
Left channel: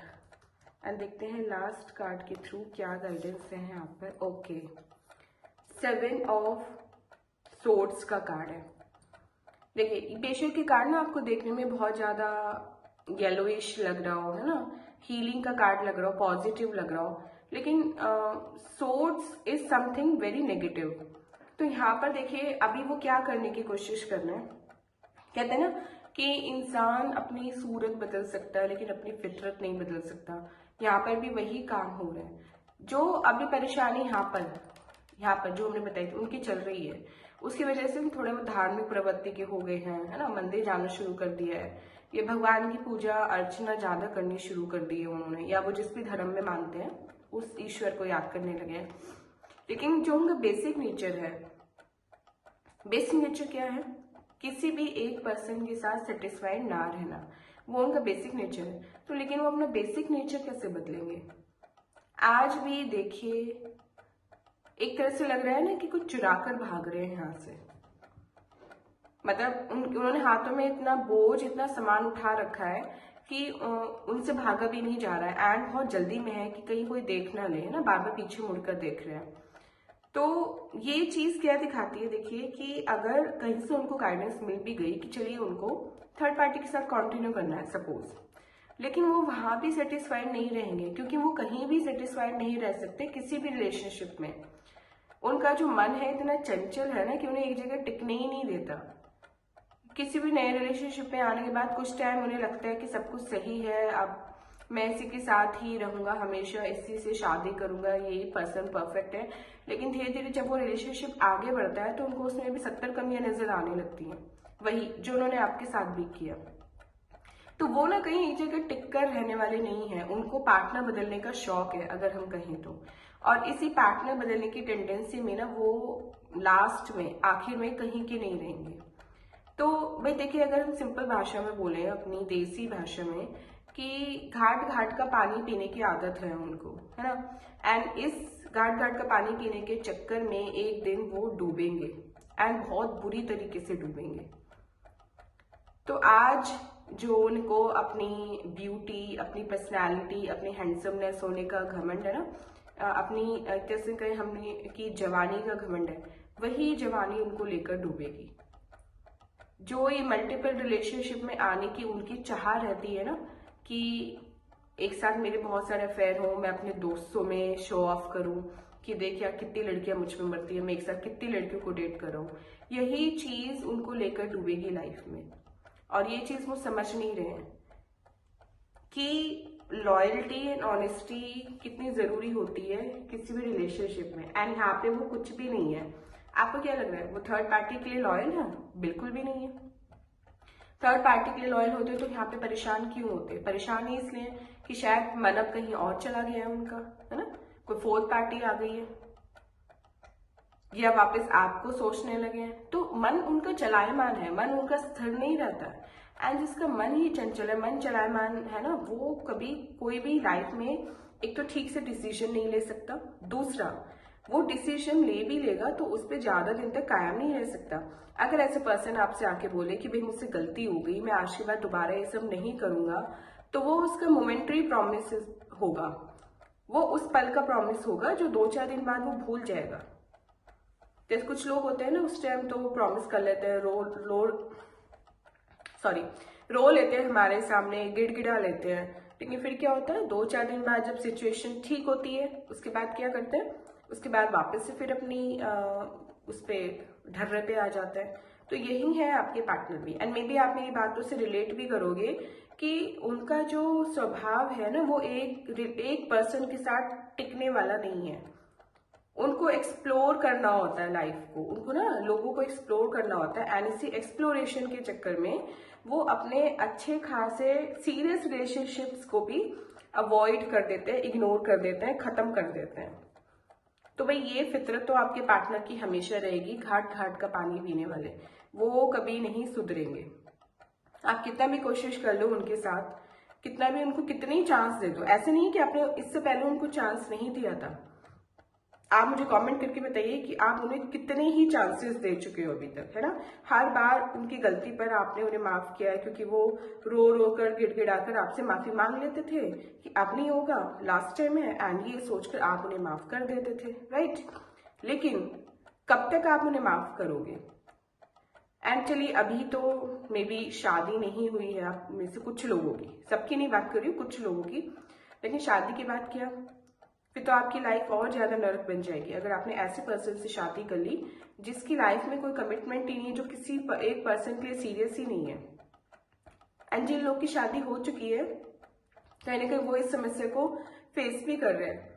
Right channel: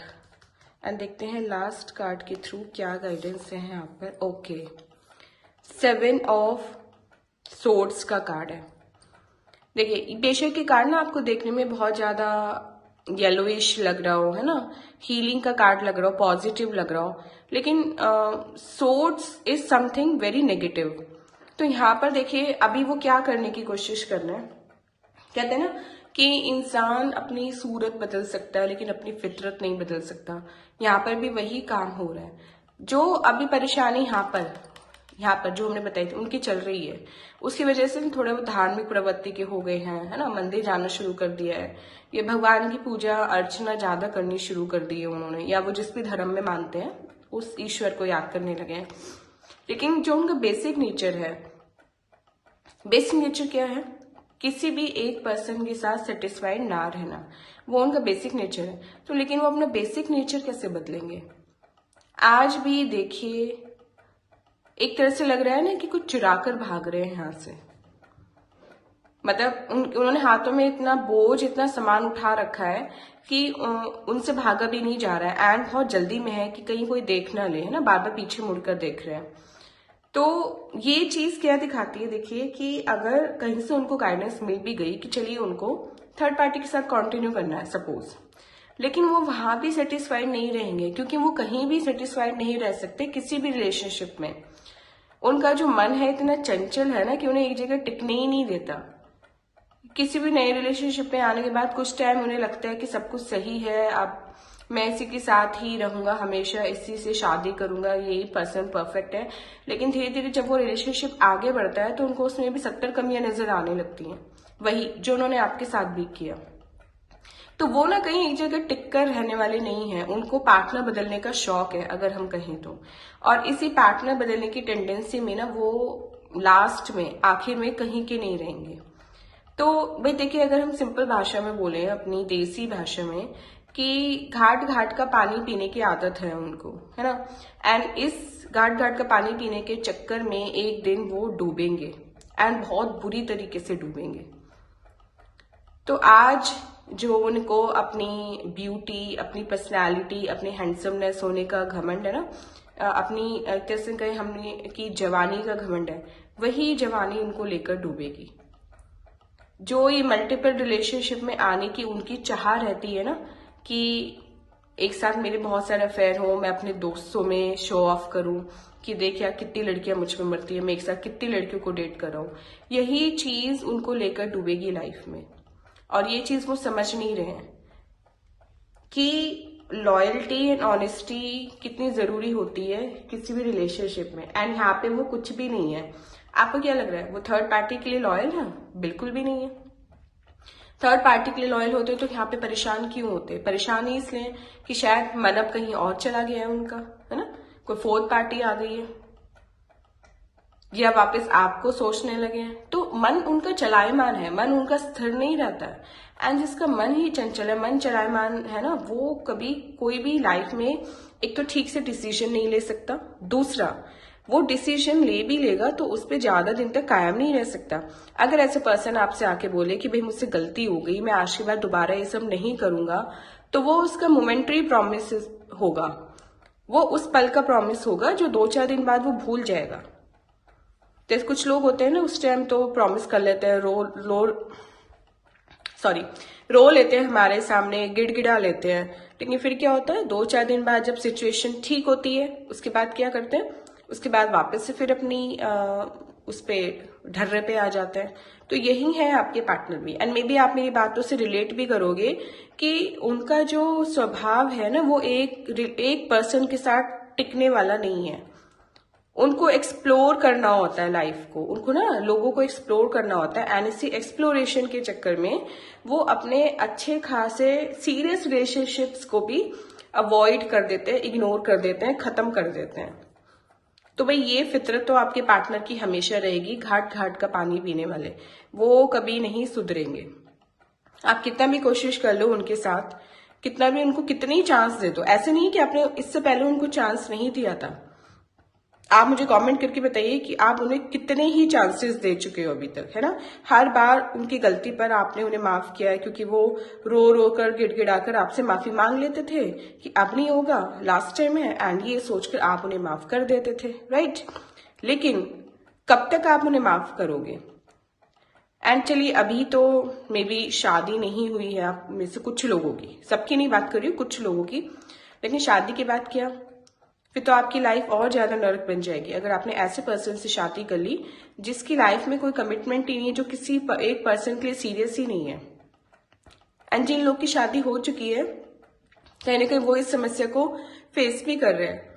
एंड देखते हैं लास्ट कार्ड के थ्रू क्या गाइडेंस है यहाँ पर। ओके, 7 ऑफ सोर्ड्स का कार्ड है। देखिए बेशक के कार्ड ना आपको देखने में बहुत ज्यादा येलोइश लग रहा हो, है ना, हीलिंग का कार्ड लग रहा हो, पॉजिटिव लग रहा हो, लेकिन swords is something very negative. तो यहाँ पर देखिए अभी वो क्या करने की कोशिश कर रहे हैं, कहते हैं ना कि इंसान अपनी सूरत बदल सकता है लेकिन अपनी फितरत नहीं बदल सकता। यहाँ पर भी वही काम हो रहा है। जो अभी परेशानी यहाँ पर जो हमने बताई थी उनकी चल रही है, उसकी वजह से थोड़े वो धार्मिक प्रवृत्ति के हो गए हैं, है ना, मंदिर जाना शुरू कर दिया है, ये भगवान की पूजा अर्चना ज्यादा करनी शुरू कर दी है उन्होंने, या वो जिस भी धर्म में मानते हैं उस ईश्वर को याद करने लगे हैं। लेकिन जो उनका बेसिक नेचर है, बेसिक नेचर क्या है? किसी भी एक पर्सन के साथ सेटिस्फाइड ना रहना, वो उनका बेसिक नेचर है। तो लेकिन वो अपना बेसिक नेचर कैसे बदलेंगे? आज भी देखिए, एक तरह से लग रहा है ना कि कुछ चुरा कर भाग रहे हैं यहाँ से। मतलब उन्होंने हाथों में इतना बोझ, इतना सामान उठा रखा है कि उनसे भागा भी नहीं जा रहा है, एंड बहुत जल्दी में है कि कहीं कोई देख ना ले, है ना, बार बार पीछे मुड़कर देख रहे हैं। तो ये चीज क्या दिखाती है? देखिए कि अगर कहीं से उनको गाइडेंस मिल भी गई कि चलिए उनको थर्ड पार्टी के साथ कंटिन्यू करना है सपोज, लेकिन वो वहां भी सेटिस्फाइड नहीं रहेंगे, क्योंकि वो कहीं भी सेटिस्फाइड नहीं रह सकते किसी भी रिलेशनशिप में। उनका जो मन है इतना चंचल है ना कि उन्हें एक जगह टिकने ही नहीं देता। किसी भी नए रिलेशनशिप में आने के बाद कुछ टाइम उन्हें लगता है कि सब कुछ सही है, अब मैं इसी के साथ ही रहूंगा, हमेशा इसी से शादी करूंगा, यही पर्सन परफेक्ट है। लेकिन धीरे धीरे जब वो रिलेशनशिप आगे बढ़ता है तो उनको उसमें भी 70 कमियां नजर आने लगती हैं, वही जो उन्होंने आपके साथ भी किया। तो वो ना कहीं एक जगह टिक कर रहने वाले नहीं है, उनको पार्टनर बदलने का शौक है अगर हम कहें तो। और इसी पार्टनर बदलने की टेंडेंसी में ना वो लास्ट में, आखिर में कहीं के नहीं रहेंगे। तो भाई देखिए, अगर हम सिंपल भाषा में बोले, अपनी देसी भाषा में, कि घाट घाट का पानी पीने की आदत है उनको, है ना, एंड इस घाट घाट का पानी पीने के चक्कर में एक दिन वो डूबेंगे, एंड बहुत बुरी तरीके से डूबेंगे। तो आज जो उनको अपनी ब्यूटी, अपनी पर्सनालिटी, अपनी हैंडसमनेस होने का घमंड है ना, अपनी कैसे कहें हमने कि जवानी का घमंड है, वही जवानी उनको लेकर डूबेगी। जो ये मल्टीपल रिलेशनशिप में आने की उनकी चाह रहती है ना, कि एक साथ मेरे बहुत सारे अफेयर हो, मैं अपने दोस्तों में शो ऑफ करूं कि देख यार कितनी लड़कियां मुझ में मरती है, मैं एक साथ कितनी लड़कियों को डेट कर रहा हूं, यही चीज उनको लेकर डूबेगी लाइफ में। और ये चीज वो समझ नहीं रहे हैं कि लॉयल्टी एंड ऑनेस्टी कितनी जरूरी होती है किसी भी रिलेशनशिप में, एंड यहाँ पे वो कुछ भी नहीं है। आपको क्या लग रहा है वो थर्ड पार्टी के लिए लॉयल है? बिल्कुल भी नहीं है। थर्ड पार्टी के लिए लॉयल होते तो यहाँ पे परेशान क्यों होते? परेशान ही इसलिए कि शायद मन अब कहीं और चला गया है उनका, है ना, कोई फोर्थ पार्टी आ गई है, या वापस आपको सोचने लगे हैं। तो मन उनका चलायमान है, मन उनका स्थिर नहीं रहता है, एंड जिसका मन ही चंचल है, मन चलायमान है ना, वो कभी कोई भी लाइफ में एक तो ठीक से डिसीजन नहीं ले सकता, दूसरा वो डिसीजन ले भी लेगा तो उस पर ज्यादा दिन तक कायम नहीं रह सकता। अगर ऐसे पर्सन आपसे आके बोले कि भाई मुझसे गलती हो गई, मैं आज के बाद दोबारा ये सब नहीं करूंगा, तो वो उसका मोमेंट्री प्रॉमिस होगा, वो उस पल का प्रॉमिस होगा जो 2-4 दिन बाद वो भूल जाएगा। तो कुछ लोग होते हैं ना, उस टाइम तो प्रॉमिस कर लेते हैं, रो लेते हैं हमारे सामने, गिड़गिड़ा लेते हैं, लेकिन फिर क्या होता है 2-4 दिन बाद जब सिचुएशन ठीक होती है उसके बाद क्या करते हैं, उसके बाद वापस से फिर अपनी उस पे ढर्रे पे आ जाते हैं। तो यही है आपके पार्टनर भी, एंड मे बी आप मेरी बातों से रिलेट भी करोगे कि उनका जो स्वभाव है ना, वो एक पर्सन के साथ टिकने वाला नहीं है। उनको एक्सप्लोर करना होता है लाइफ को, उनको ना लोगों को एक्सप्लोर करना होता है, एंड इसी एक्सप्लोरेशन के चक्कर में वो अपने अच्छे खासे सीरियस रिलेशनशिप्स को भी अवॉइड कर देते हैं, इग्नोर कर देते हैं, खत्म कर देते हैं। तो भाई ये फितरत तो आपके पार्टनर की हमेशा रहेगी, घाट घाट का पानी पीने वाले, वो कभी नहीं सुधरेंगे। आप कितना भी कोशिश कर लो उनके साथ, कितना भी उनको कितने ही चांस दे दो, ऐसे नहीं कि आपने इससे पहले उनको चांस नहीं दिया था। आप मुझे कमेंट करके बताइए कि आप उन्हें कितने ही चांसेस दे चुके हो अभी तक, है ना। हर बार उनकी गलती पर आपने उन्हें माफ किया है, क्योंकि वो रो रो कर गिड़गिड़ा कर आपसे माफी मांग लेते थे कि अब नहीं होगा, लास्ट टाइम है, एंड ये सोचकर आप उन्हें माफ कर देते थे, राइट। लेकिन कब तक आप उन्हें माफ करोगे? एंड चलिए अभी तो मे बी शादी नहीं हुई है आप में से कुछ लोगों की, सबकी नहीं बात कर रही हूँ, कुछ लोगों की, लेकिन शादी के बाद क्या? फिर तो आपकी लाइफ और ज्यादा नर्क बन जाएगी अगर आपने ऐसे पर्सन से शादी कर ली जिसकी लाइफ में कोई कमिटमेंट ही नहीं है, जो किसी एक पर्सन के लिए सीरियस ही नहीं है। एंड जिन लोग की शादी हो चुकी है कहीं ना कहीं वो इस समस्या को फेस भी कर रहे हैं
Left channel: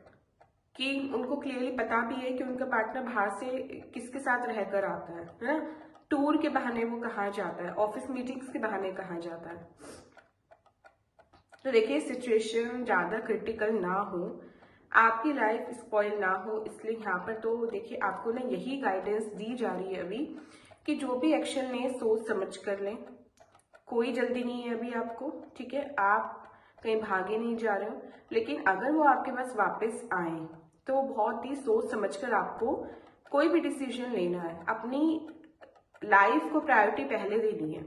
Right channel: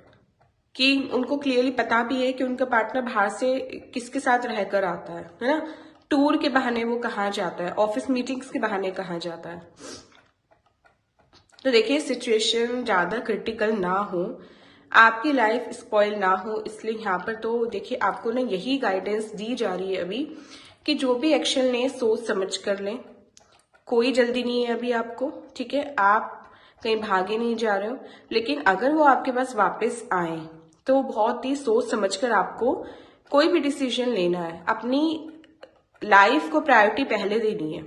कि उनको क्लियरली पता भी है कि उनका पार्टनर बाहर से किसके साथ रहकर आता है ना, टूर के बहाने वो कहाँ जाता है, ऑफिस मीटिंग्स के बहाने कहाँ जाता है। तो देखिए सिचुएशन ज़्यादा क्रिटिकल ना हो, आपकी लाइफ स्पॉइल ना हो, इसलिए यहाँ पर तो देखिए आपको ना यही गाइडेंस दी जा रही है अभी कि जो भी एक्शन लें सोच समझ कर लें। कोई जल्दी नहीं है अभी आपको, ठीक है, आप कहीं भागे नहीं जा रहे हो, लेकिन अगर वो आपके पास वापस आए तो बहुत ही सोच समझकर आपको कोई भी डिसीजन लेना है। अपनी लाइफ को प्रायोरिटी पहले देनी है,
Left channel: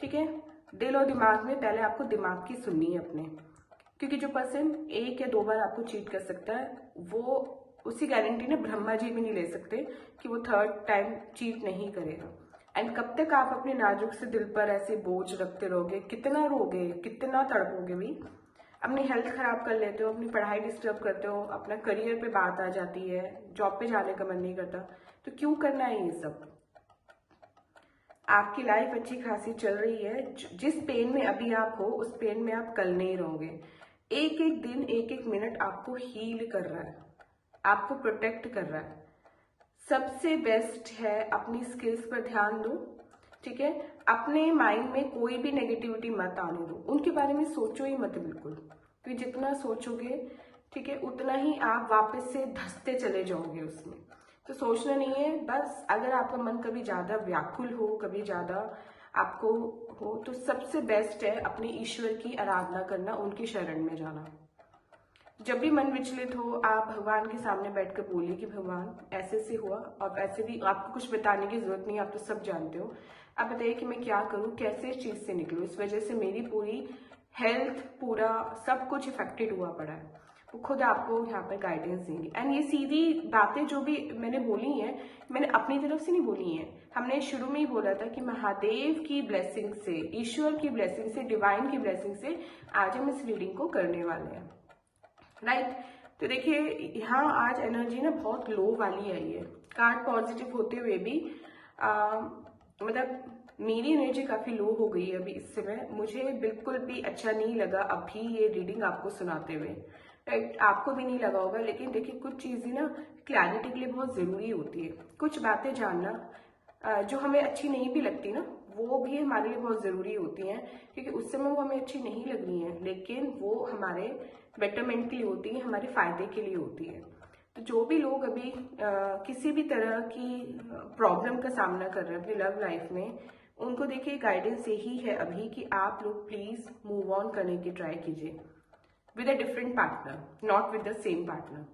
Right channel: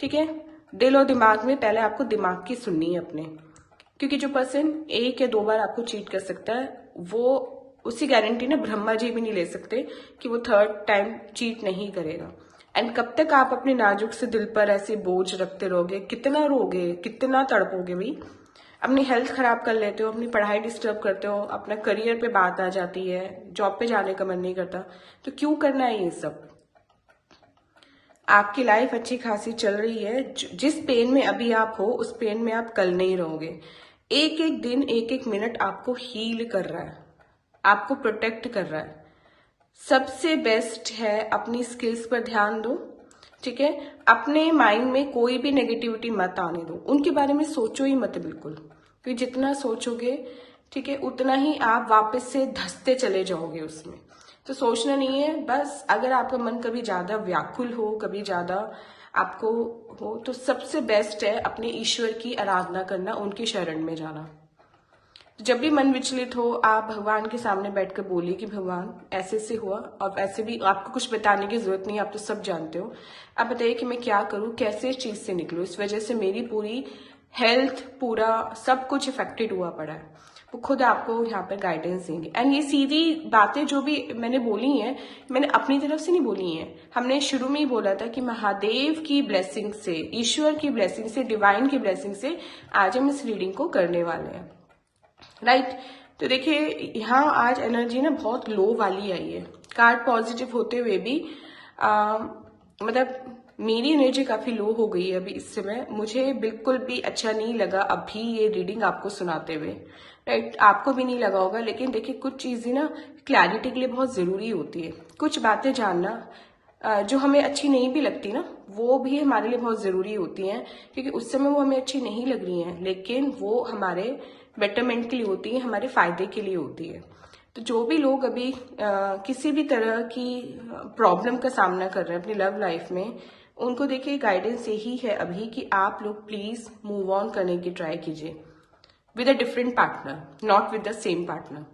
ठीक है। दिल और दिमाग में पहले आपको दिमाग की सुननी है अपने, क्योंकि जो पर्सन 1 या 2 बार आपको चीट कर सकता है वो उसकी गारंटी ना ब्रह्मा जी भी नहीं ले सकते कि वो 3rd टाइम चीट नहीं करेगा। एंड कब तक आप अपने नाजुक से दिल पर ऐसे बोझ रखते रहोगे, कितना रोगे, कितना तड़पोगे भी, अपनी हेल्थ खराब कर लेते हो, अपनी पढ़ाई डिस्टर्ब करते हो, अपना करियर पे बात आ जाती है, जॉब पे जाने का मन नहीं करता, तो क्यों करना है ये सब। आपकी लाइफ अच्छी खासी चल रही है, जिस पेन में अभी आप हो उस पेन में आप कल नहीं रहोगे। एक एक दिन एक एक मिनट आपको हील कर रहा है, आपको प्रोटेक्ट कर रहा है। सबसे बेस्ट है अपनी स्किल्स पर ध्यान दो, ठीक है। अपने माइंड में कोई भी नेगेटिविटी मत आने दो, उनके बारे में सोचो ही मत बिल्कुल, क्योंकि जितना सोचोगे, ठीक है, उतना ही आप वापस से धंसते चले जाओगे उसमें। तो सोचना नहीं है, बस अगर आपका मन कभी ज़्यादा व्याकुल हो, कभी ज़्यादा आपको हो, तो सबसे बेस्ट है अपने ईश्वर की आराधना करना, उनकी शरण में जाना। जब भी मन विचलित हो आप भगवान के सामने बैठकर बोलिए कि भगवान ऐसे से हुआ, और ऐसे भी आपको कुछ बताने की जरूरत नहीं, आप तो सब जानते हो। आप बताइए कि मैं क्या करूं, कैसे इस चीज से निकलूं, इस वजह से मेरी पूरी हेल्थ, पूरा सब कुछ इफेक्टेड हुआ पड़ा है। वो खुद आपको यहाँ पर गाइडेंस देंगे। एंड ये सीधी बातें जो भी मैंने बोली हैं, मैंने अपनी तरफ से नहीं बोली हैं। हमने शुरू में ही बोला था कि महादेव की ब्लेसिंग से, ईश्वर की ब्लेसिंग से, डिवाइन की ब्लेसिंग से आज हम इस रीडिंग को करने वाले हैं, राइट। तो देखिए यहाँ आज एनर्जी ना बहुत लो वाली आई है, कार्ड पॉजिटिव होते हुए भी मतलब मेरी एनर्जी काफी लो हो गई है अभी इस समय। मुझे बिल्कुल भी अच्छा नहीं लगा अभी ये रीडिंग आपको सुनाते हुए, राइट। आपको भी नहीं लगा होगा, लेकिन देखिए कुछ चीजें ना क्लैरिटी के लिए बहुत जरूरी होती है। कुछ बातें जानना जो हमें अच्छी नहीं भी लगती ना, वो भी हमारे लिए बहुत जरूरी होती हैं, क्योंकि उस समय वो हमें अच्छी नहीं लग रही हैं, लेकिन वो हमारे बेटरमेंट के लिए होती है, हमारे फायदे के लिए होती है। तो जो भी लोग अभी किसी भी तरह की प्रॉब्लम का सामना कर रहे हैं अपनी लव लाइफ में, उनको देखिए गाइडेंस यही है अभी कि आप लोग प्लीज मूव ऑन करने की ट्राई कीजिए with a different partner, not with the same partner.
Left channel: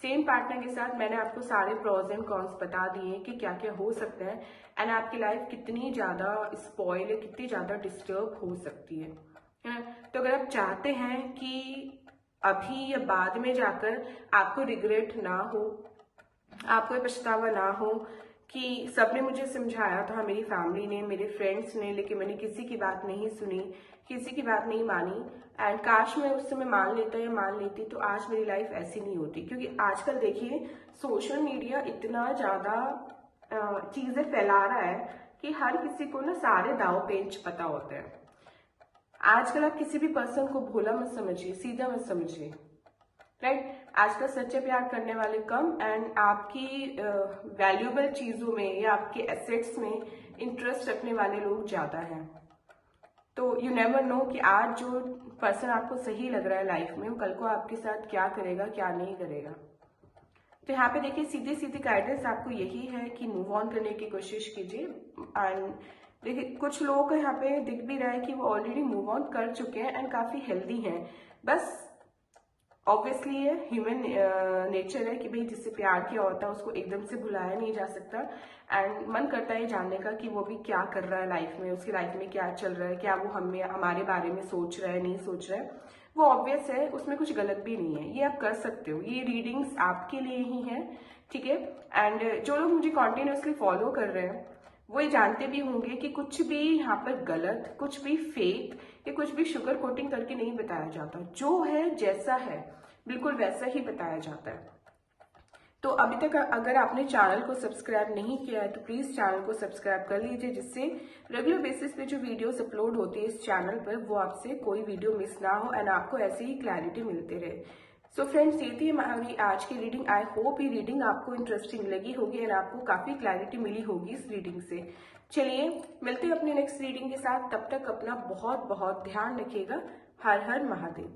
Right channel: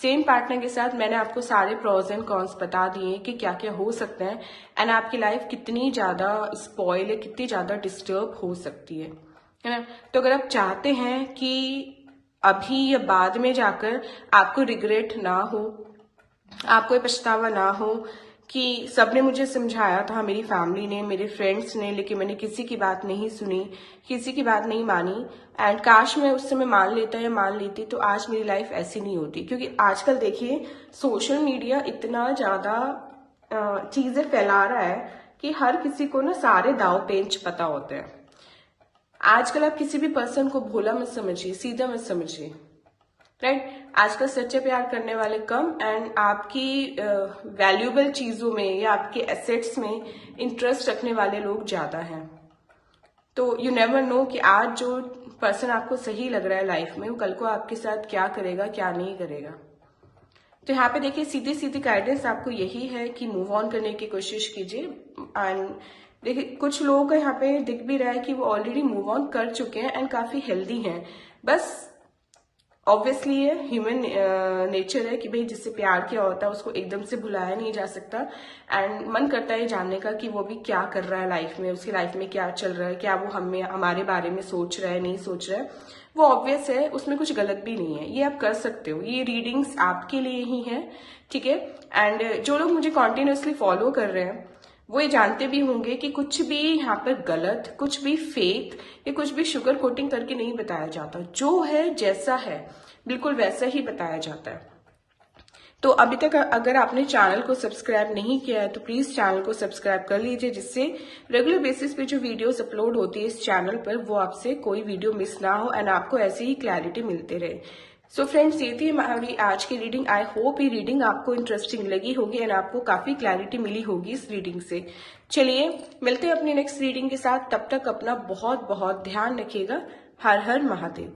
Same partner के साथ मैंने आपको सारे प्रोज एंड कॉन्स बता दिए कि क्या क्या हो सकता है, एंड आपकी लाइफ कितनी ज्यादा स्पॉइल है, कितनी ज्यादा डिस्टर्ब हो सकती है ना। तो अगर आप चाहते हैं कि अभी या बाद में जाकर आपको रिग्रेट ना हो, आपको पछतावा ना हो कि सबने मुझे समझाया था, मेरी फैमिली ने, मेरे फ्रेंड्स ने, लेकिन मैंने किसी की बात नहीं सुनी, किसी की बात नहीं मानी, एंड काश मैं उस समय मान लेता या मान लेती तो आज मेरी लाइफ ऐसी नहीं होती। क्योंकि आजकल देखिए सोशल मीडिया इतना ज्यादा चीजें फैला रहा है कि हर किसी को ना सारे दाव पेच पता होते हैं। आजकल आप किसी भी पर्सन को भोला मत समझिए, सीधा मत समझिए, राइट। आजकल सच्चे प्यार करने वाले कम, एंड आपकी वैल्यूएबल चीजों में या आपके एसेट्स में इंटरेस्ट रखने वाले लोग ज्यादा हैं। तो यू नेवर नो कि आज जो पर्सन आपको सही लग रहा है लाइफ में, वो कल को आपके साथ क्या करेगा, क्या नहीं करेगा। तो यहाँ पे देखिए सीधी सीधी गाइडेंस आपको यही है कि मूव ऑन करने की कोशिश कीजिए। एंड देखिए कुछ लोगों का यहाँ पे दिख भी रहा है कि वो ऑलरेडी मूव ऑन कर चुके हैं एंड काफी हेल्दी हैं। बस ऑब्वियसली ये ह्यूमन नेचर है कि भाई जिससे प्यार किया होता है उसको एकदम से भुलाया नहीं जा सकता, एंड मन करता है जानने का कि वो भी क्या कर रहा है लाइफ में, उसकी लाइफ में क्या चल रहा है, क्या वो हमारे बारे में सोच रहा है, नहीं सोच रहा है। वो ऑब्वियस है, उसमें कुछ गलत भी नहीं है, ये आप कर सकते हो, ये रीडिंग्स आपके लिए ही है, ठीक है। एंड जो लोग मुझे कॉन्टिन्यूसली फॉलो कर रहे हैं वो ये जानते भी होंगे कि कुछ भी यहाँ पर गलत, कुछ भी फेक या कुछ भी शुगर कोटिंग करके नहीं बताया जाता। जो है जैसा है बिल्कुल वैसा ही बताया जाता है, तो अभी तक अगर आपने चैनल को सब्सक्राइब नहीं किया है तो प्लीज चैनल को सब्सक्राइब कर लीजिए, जिससे रेगुलर बेसिस पे जो वीडियोस अपलोड होती है इस चैनल पर वो आपसे कोई वीडियो मिस ना हो एंड आपको ऐसे ही क्लैरिटी मिलते रहे। सो फ्रेंड्स, ये थी हमारी आज की रीडिंग। आई होप ये रीडिंग आपको इंटरेस्टिंग लगी होगी एंड आपको काफी क्लैरिटी मिली होगी इस रीडिंग से। चलिए मिलते हैं अपनी नेक्स्ट रीडिंग के साथ, तब तक अपना बहुत बहुत ध्यान रखिएगा। हर हर महादेव।